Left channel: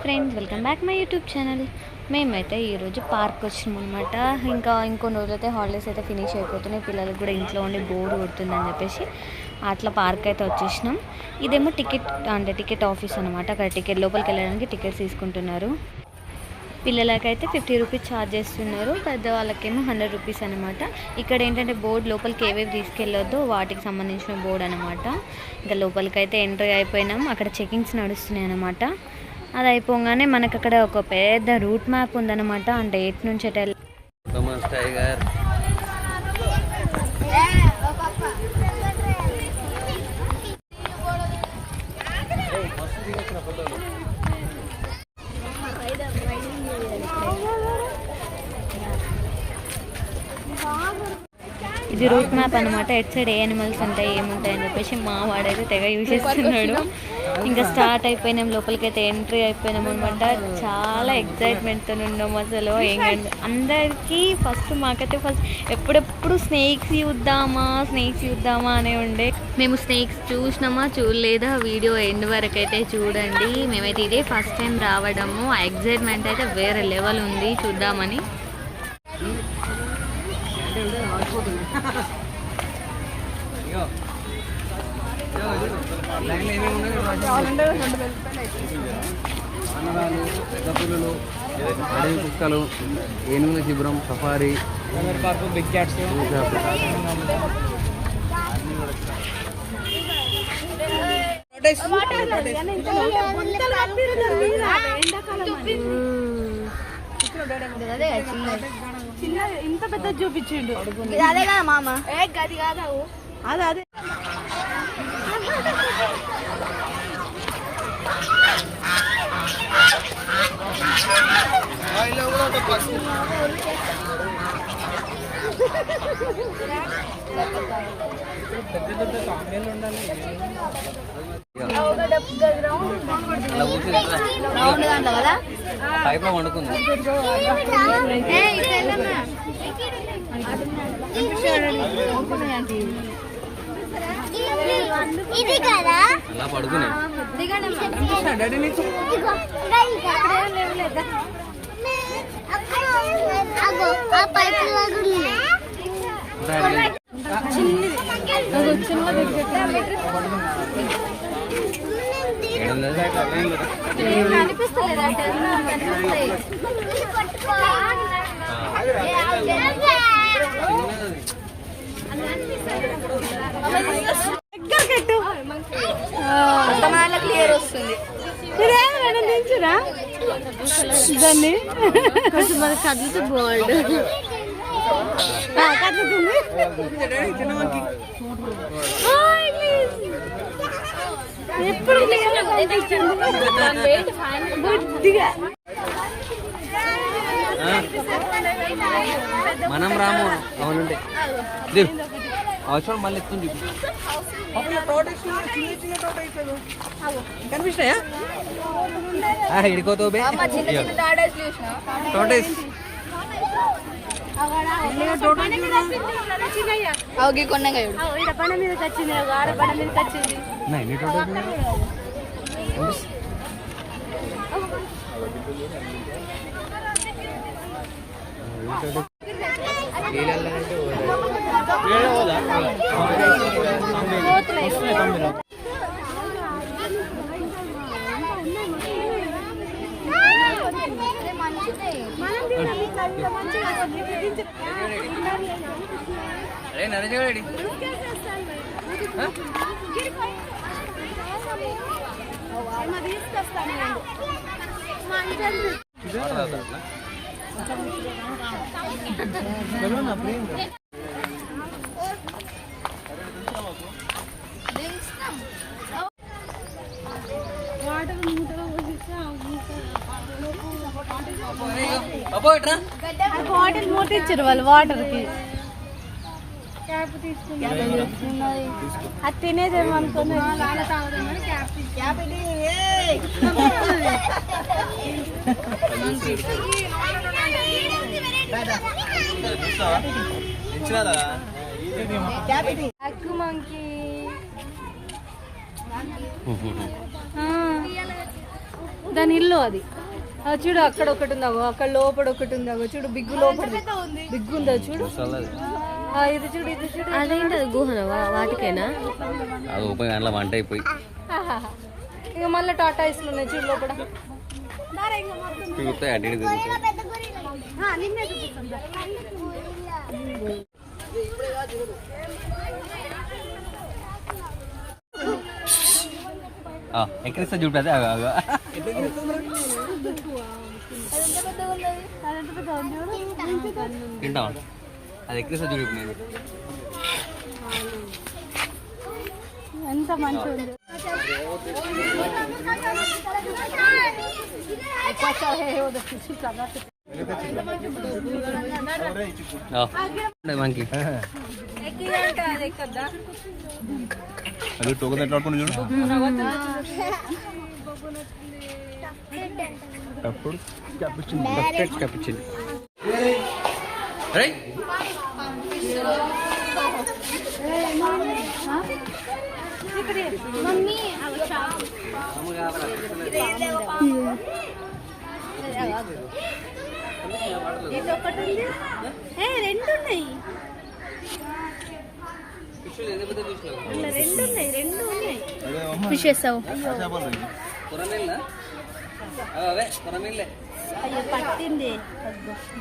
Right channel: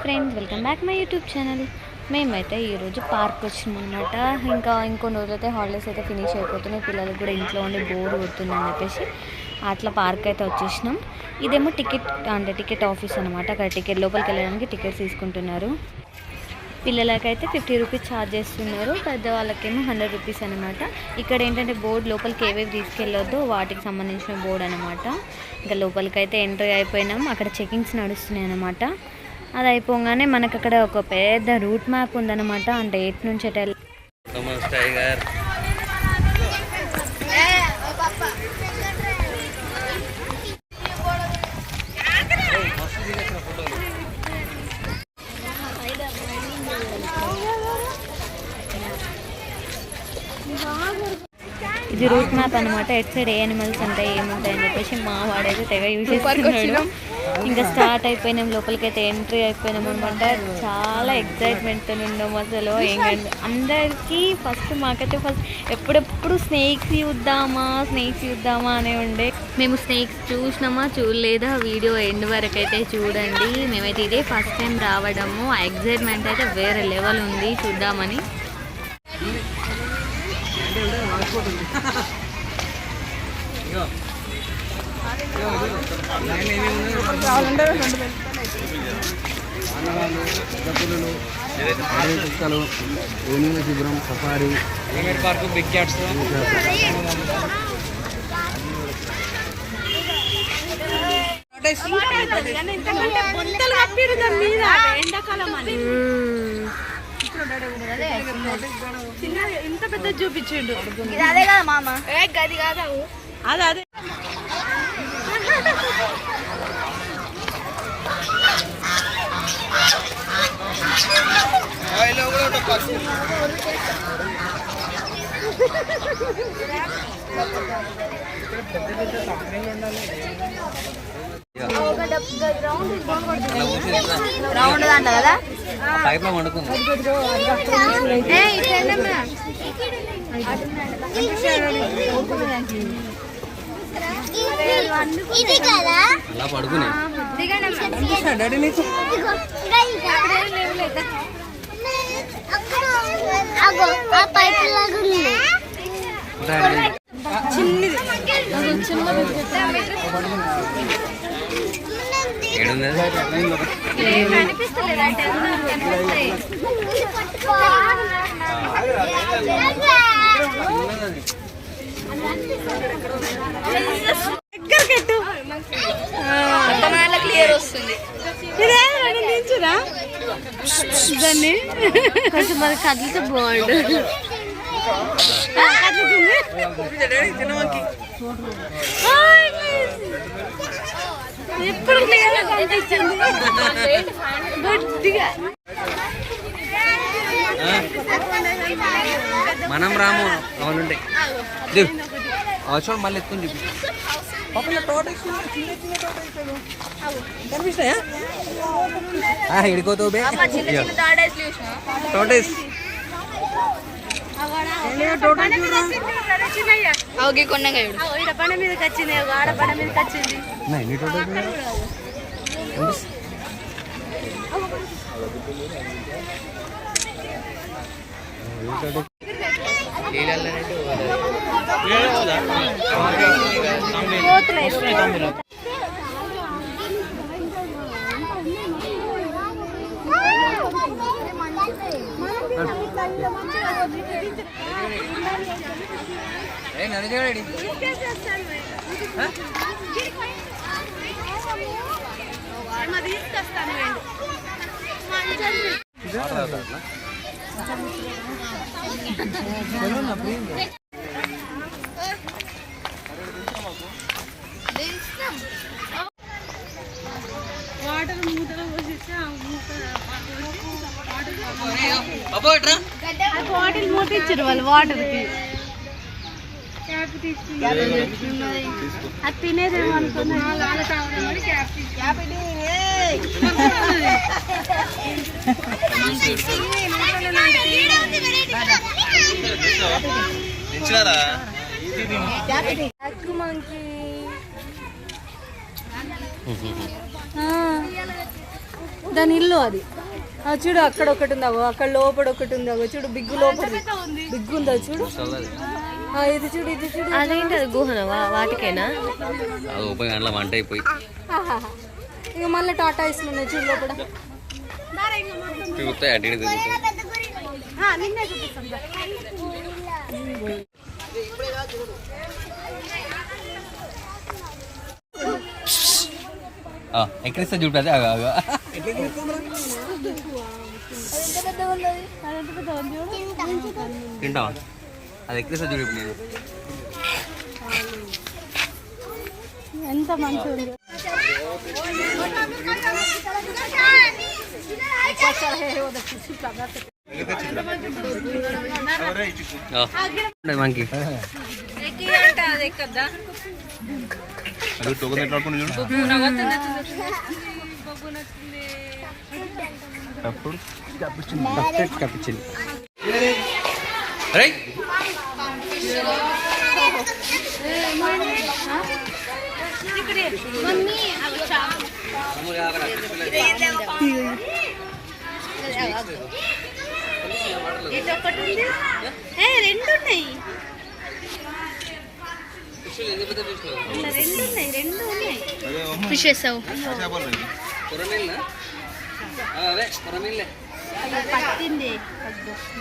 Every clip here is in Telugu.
Hi friends, welcome back my YouTube channel. మేమైతే ఈరోజు పార్క్ వచ్చినాం అనమాట. ఇంకొన్ని రోజులైతే హాలిడేస్ అయితే ఫినిష్ అయిపోతున్నాయి. పిల్లలకు కూడా ఇంట్లో ఉండి బోర్ కొడుతుందని చెప్పేసి అట్లా పార్క్ అయితే వచ్చేసినాం. ఇదేమో టికెట్ ఆఫీస్ అనమాట. అక్కడ లోపలికి వెళ్ళడానికి టికెట్స్ తీసుకుంటున్నారు. పిల్లలకైతే 50 రూపీస్ ఛార్జ్ చేస్తున్నారు, పెద్దవాళ్ళకేమో 100 రూపీస్ అనమాట. ఇక్కడ ఏంటంటే బోర్డు లోపలికి ఏవేవి తీసుకెళ్ళొద్దో వాటికి సంబంధించిన బోర్డు అనమాట. ఇంకా లోపలికైతే ఎంట్రీ అయిపోయినాం. అక్కడ చెకింగ్స్ నడుస్తున్నాయి అనమాట. అది అయిపోగానే మనకు అక్కడ ఒక పెద్ద రూట్ మ్యాప్ ఉందన్నమాట. అంటే ఎటు నుంచి ఎటు వెళ్ళాలి. ఇది రూట్ మ్యాప్ అనమాట. ఎట్ సైడ్ ఏ యానిమల్స్ ఉంటాయి ఏముంటాయి అని చెప్పేసి మా వాడైతే తెగ యూజ్ చేస్తున్నాడు. ఇంకా స్టార్ట్ అయిపోయినాం, లోపలికైతే ఎంట్రీ అయిపోయినాం అనమాట. చాలా ఎక్సైట్మెంట్తో ఉన్నాం అసలు. అందరికీ మాకైతే ఫస్ట్ ఎప్పుడెప్పుడు స్నేక్స్ చూద్దామా అనే ఉండే. మేము స్నేక్స్ చూసినామా చూడలేదా వీడియో ఎండ్ వరకు అయితే చూడండి. మేమైతే ఇదే ఫస్ట్ టైం రావడము. ఆ ఎక్సైట్మెంట్ అయితే వేరే లెవెల్ ఉంది చూద్దామని. వానరాలు, పెద్దపులులు, అడవి కుక్కలు, ఏనుగుల శిబిరం, సఫారీ పార్కు, బిగ్ క్యాట్స్, ఇంత పెద్ద చూపించిండు. అదే కదా మామ, గది కాదు అదే. రౌండ్ అంట కదా. ఇది కదా క్లియర్ వస్తుంది. దాన్ని కొంచెం మరి కదిలితే బాగుండు. ఎప్పుడు మనం రాము అవునంటే అవసరం మళ్ళీ ఎత్తుకుని చూపి కనిపిస్తాయా ఇడికోతావు బండ మీదకి వచ్చింది, ఆడ బండ మీదకి వచ్చింది. వాటర్ మూట ఇచ్చారు వాళ్ళు. వాటర్కి క్యాప్ తీసుకున్నారు. అది తినేదేమో అనుకున్నా. వాళ్ళ తాగడం వల్ల క్యాప్ దాని ఇల్లు అది. చూడు అక్కడ ఒకటి ఉందావు, అక్కడ లోపల ఒకటి ఉందావు. చూడు బిగ్గు లోపల బిగ్గు ఉందా చూడు. ఇది చూడు, ఇది చూడు. అదేంటి అది గుహనవా? వాటికేనా? అది పోయి అందులో వంట అయిపోయి ఇక మళ్ళీ టాటా ఐస్లు ఉన్నాయి చూడు లోపల. తిరుగుతాయి అటు ఇటు తిరుగుతాయి. నిన్నే చూపిస్తాను. ఎక్కడిస్తే చూడదు తింటావా? అది ఎక్కడిస్తే చూడు నేను ఎంత మంచిగా మనకి అది టోకన్ అప్పుడు కప్పించింది. రెండు ఉన్నాయి. ఫిష్ వేస్తావు పట్టింది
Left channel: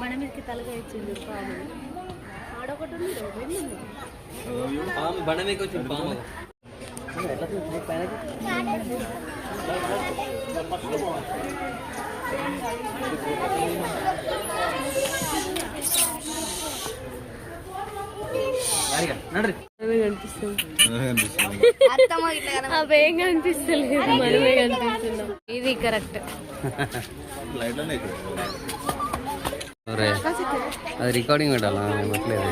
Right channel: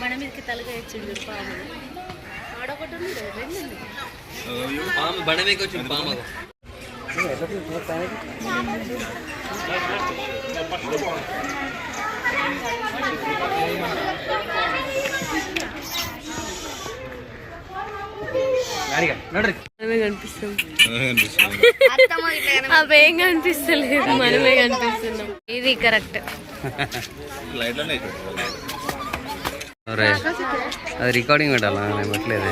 మన మీదకి తలగా ఇచ్చిండు ఆడొకటి ఉంది, రెండు ఉంది. బండ మీకు వచ్చింది పాము. అవేం కనిపిస్తలేదు, మనమే కనిపిస్తున్నాం. ఇది కరెక్ట్. అది రికార్డింగ్ పెట్టాలా? నేను పెట్టలేదే.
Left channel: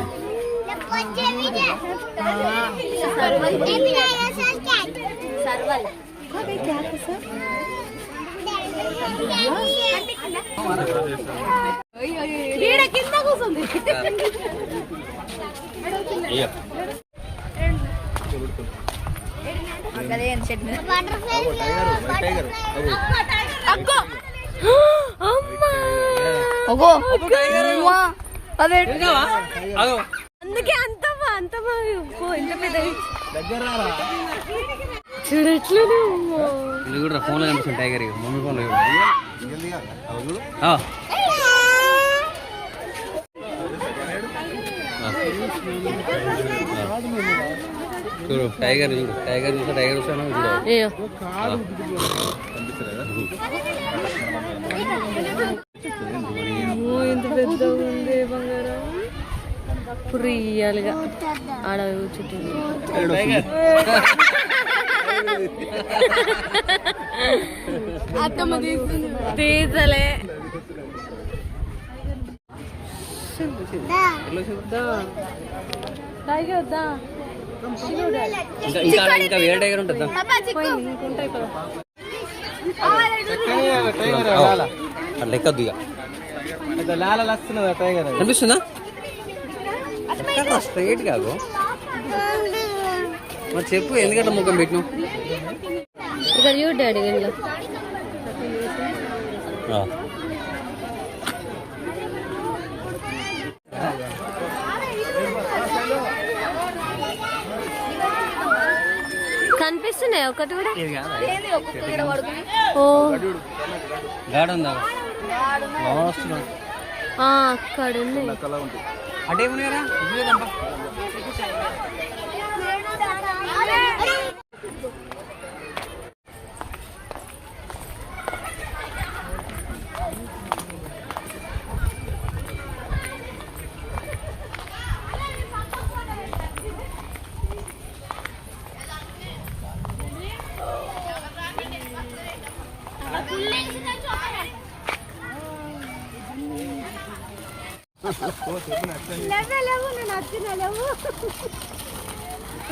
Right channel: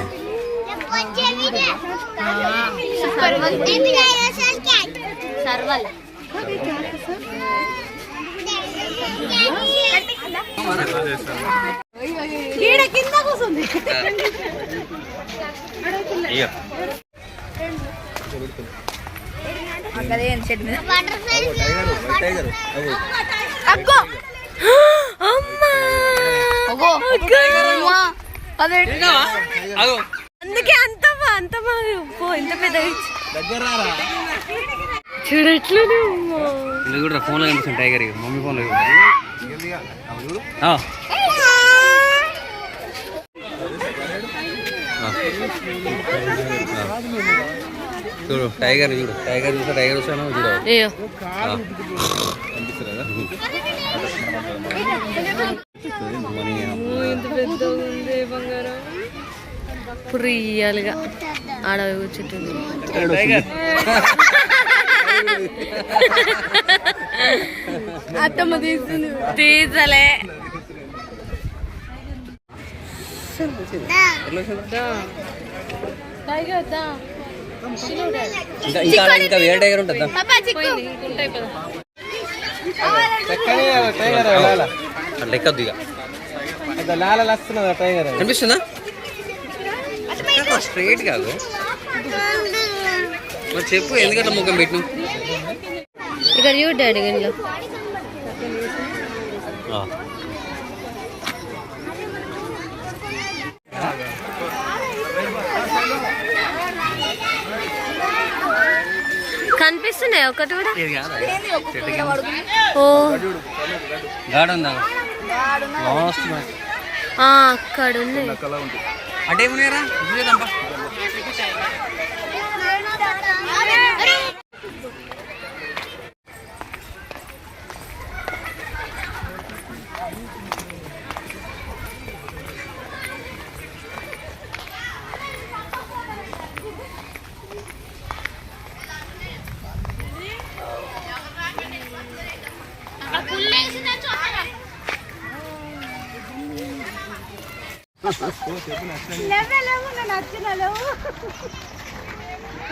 కింద కూర్చుంది. అందుకే అంత ఎంత పెద్ద చూడట్లేదు. ఇది కూడా ఫోన్లో కనిపిస్తుంది టైగర్. మమ్మీ ఫోన్లో చూడు టైగర్, చూడు టైగర్ చూసా, టైగర్ చూసాను చూడు. ఇప్పుడు రియల్గా ఆడ కూర్చుంటుంది. అత్తమ్మ తీసలే ఇంకా వేరే టైగర్ ఉంటుందా? లెక్కద్దు ఇక అనిపిస్తుందా? స్ట్రైట్ కాదు మరి చెప్పు, ఎందుకంటే ముఖం పెట్టిన ఇక్కడ చూడు డాడీ ఇంట్లో కనిపిస్తున్నాయి ఒకటి కూడా. ఓ గాడ్ ఉందా? అక్కడ ఉన్నాయి. అటేమున్నాయరా?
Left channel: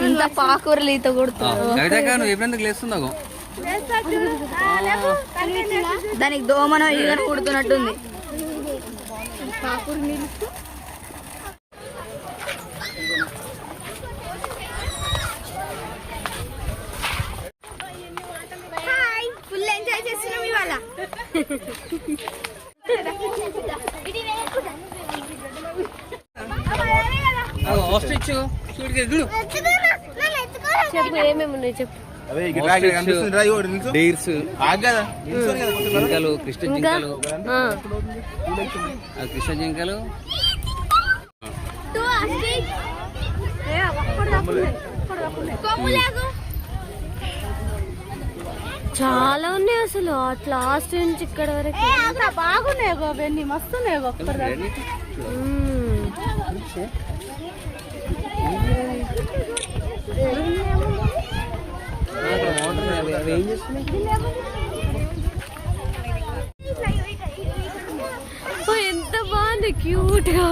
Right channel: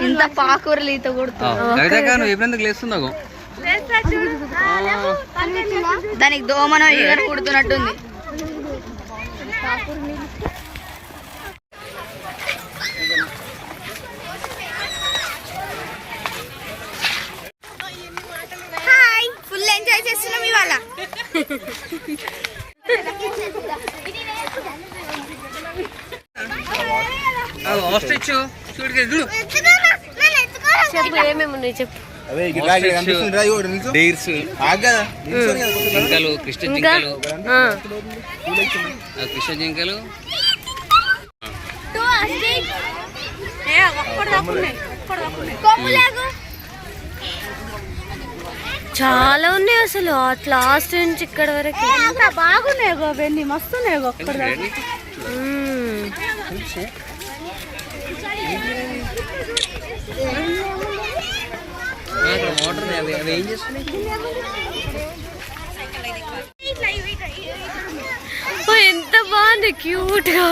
ఇంత పాకూరలు ఈత కొడుతుంది. ఎప్పుడెందుకు లేస్తున్నావు? దానికి దోమనో ఈగను కుడుతున్నట్టుంది. హాయ్, ఫుల్ ఎంజాయ్ చేస్తున్నాం ఇవాళ. ఆస్ట్రిచ్ చూడు చెప్పు ఏమేమి ఉన్నాయి చెప్పు. డైర్స్, జింకలు, కృష్ణ జింకలు, కృష్ణ జింకలు, చాలా ఉన్నాయి అసలు అట్లా లాస్ట్ నుంచి ఇక్కడ వరకు బాగున్నాయి అవన్నీ మస్తున్నాయి. ఏం చేస్తున్నాయి? ఎంత బాగుంది క్యూట్ గా.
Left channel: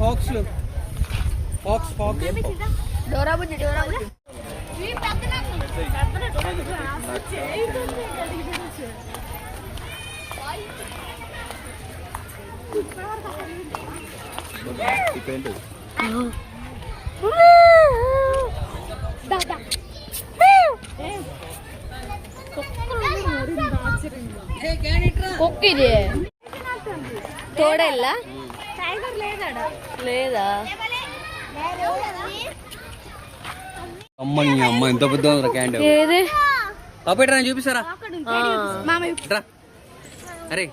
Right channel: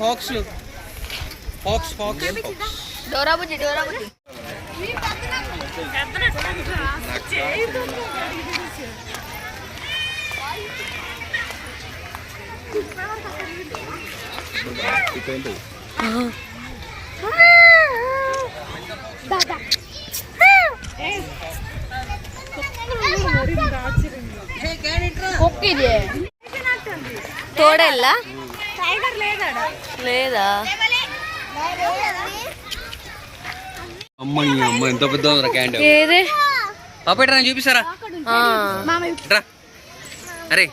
ఫాక్స్ తోడెల్లా లేదా? అమ్మ ఎంత పెద్ద క్యాండిల్. ఏదే పాపేట చూపిస్తారా? రా అరే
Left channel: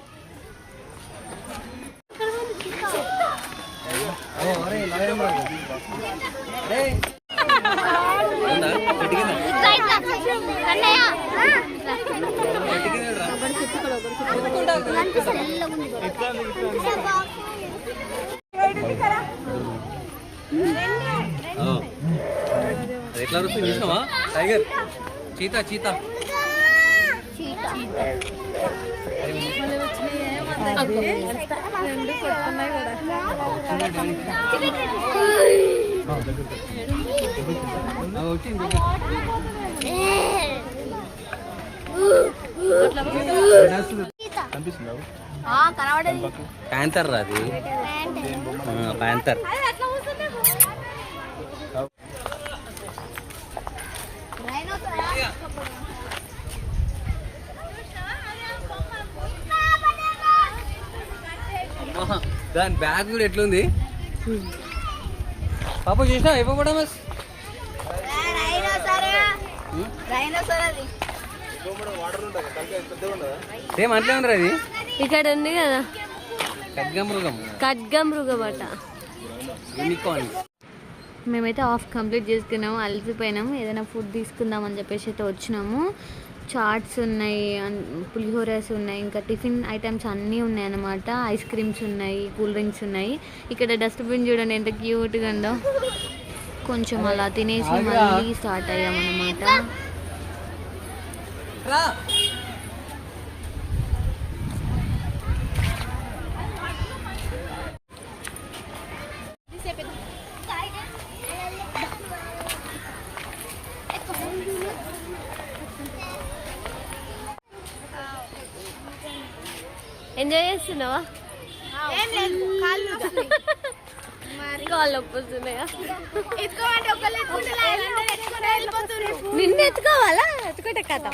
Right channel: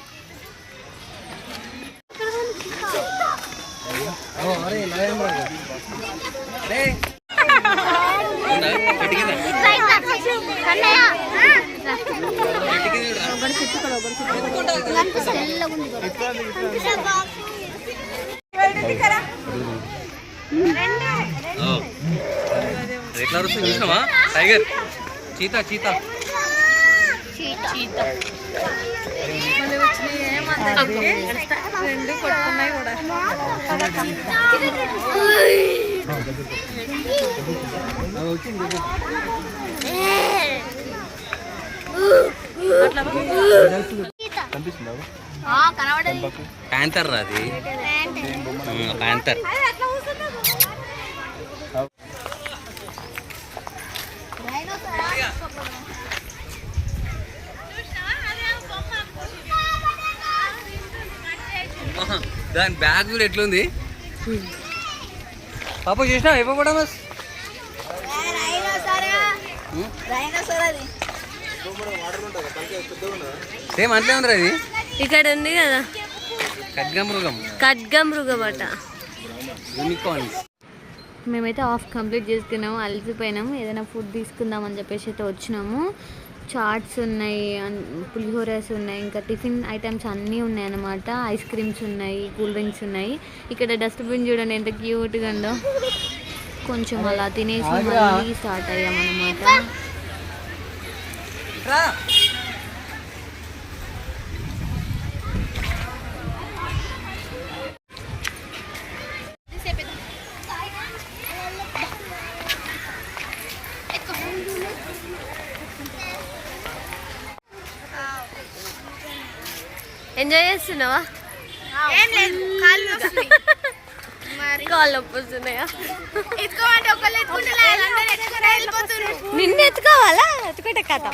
ఎట్లా వస్తుంది చూసినావా? టైగర్, చీతా చీతా రెండు కొట్టుకున్నాయి కూడా. ప్యాంతర్ రా అది, ప్యాంతర్. దాని బ్యాగ్ కూడా ఎట్లుంది పాప, చూసినా అయిపోవడా మస్? సేమ్ అట్లే ఉందిరా అది. ఇక్కడ ఉంది కదా ఖడ్గమృగం, ఖడ్గమృగం అట. యూనికార్న్స్. మేమైతే ఆఫ్ కంప్లీట్ చేసుకున్నాము, అలసిపోయినాము. ఏదైనా ఫుడ్ తీసుకుందామని చెప్పేసి అయితే వచ్చినాము. చాట్స్ ఉన్నాయి, పులిహోరాస్ ఉన్నాయి, ఇంకా టిఫిన్ ఐటమ్స్ అన్నీ ఉన్నాయి అన్నమాట. ఐస్ క్రీమ్స్ ఉన్నాయి, కూల్ డ్రింక్స్ ఉన్నాయి. ఇక్కడ డస్ట్బిన్ చూడండి ఎంత క్యూట్గా ఉందో. కొంచెం అలా తినేసి మళ్ళీ స్టార్ట్ అయ్యామన్నమాట. ఎంజాయ్ చేస్తున్నావా? కాళ్ళు నొప్పి వస్తున్నాయా? నిన్ను ఎత్తుకోవాలా? ఎత్తుకుంటే కథ.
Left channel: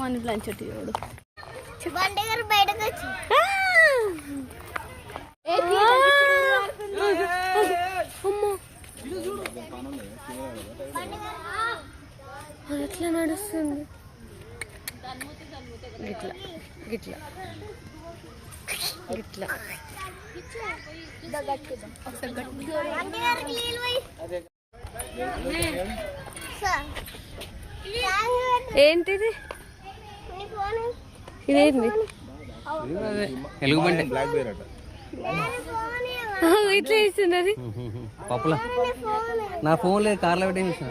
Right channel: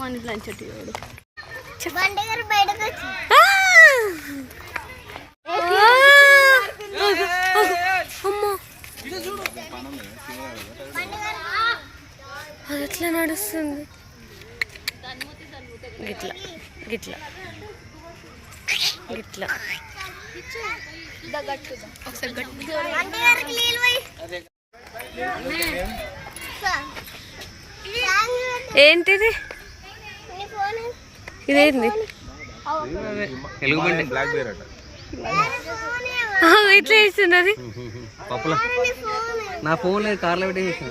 మన లంచ్ చూడు. అది ఎట్లా నడుస్తుంది? గిట్లా గిట్లా గిట్లా. ఏంటిది? ఇదేంది? ఎలుగుబంటి. ఇట్లా వేస్తున్నది పప్పుల. నా ఫోన్ లేదు, కార్లో పెట్టి చూసిన.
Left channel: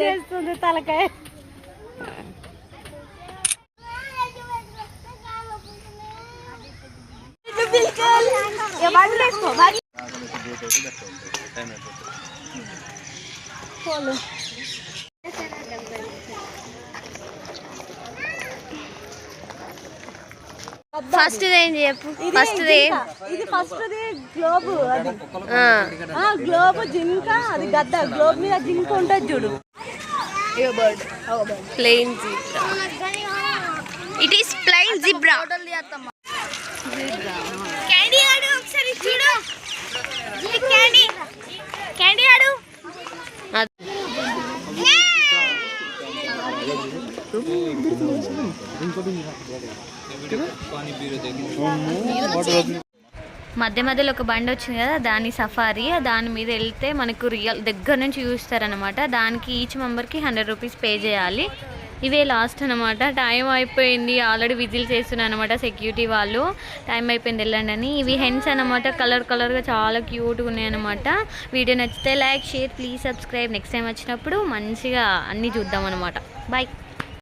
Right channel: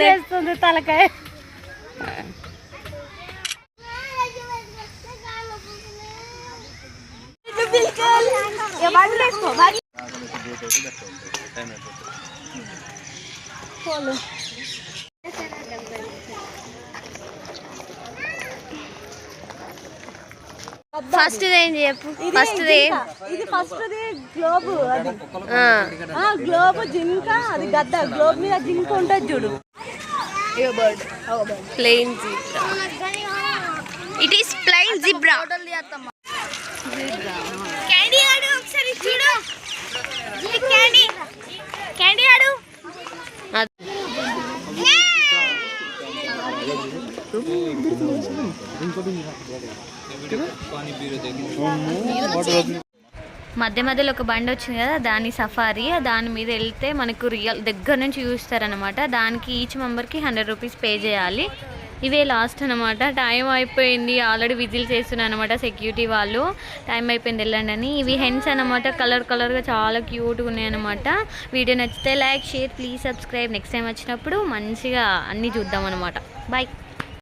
చేస్తుంది తలకాయ. ఫోన్లు ఫస్ట్ ఏం చెప్పు ఫస్ట్ ఇది ఫస్ట్ గ్లోబ్ అది గ్లోబ్ జింక అది గద్ద గ్లోబ్ మీద జింక ఉంటుంది చూడు plain zebra it is plain zebra candy ఆడు ఒకసారి చూడు క్యాండీ క్యాండీ ఆడు మధ్య మధ్యలో ఒక బండి వచ్చింది కదా దాని సఫారీ దాని మీద వెళ్తే మనకు రియల్ దగ్గర నుంచి చూస్తారనమాట. దానికి ఈచ్ మెంబర్కి 100 రూపీస్ పే చేయాలి. ఇవే లాస్ట్ అనమాట. టైం అయిపోయింది, ఆల్రెడీ విజిల్స్ వేస్తున్నాయి అనమాట సెక్యూరిటీ వాళ్ళు. టైం అయిపోయింది వెళ్ళండి అని. ఇవి హెన్స్ అనమాట, కలర్గా చాలా క్యూట్గా ఉన్నాయి అనమాట. వీడియో నచ్చితే like share please subscribe. Next time వచ్చినప్పుడు మంచిగా అన్నీ చూద్దాం అనమాట. బాయ్.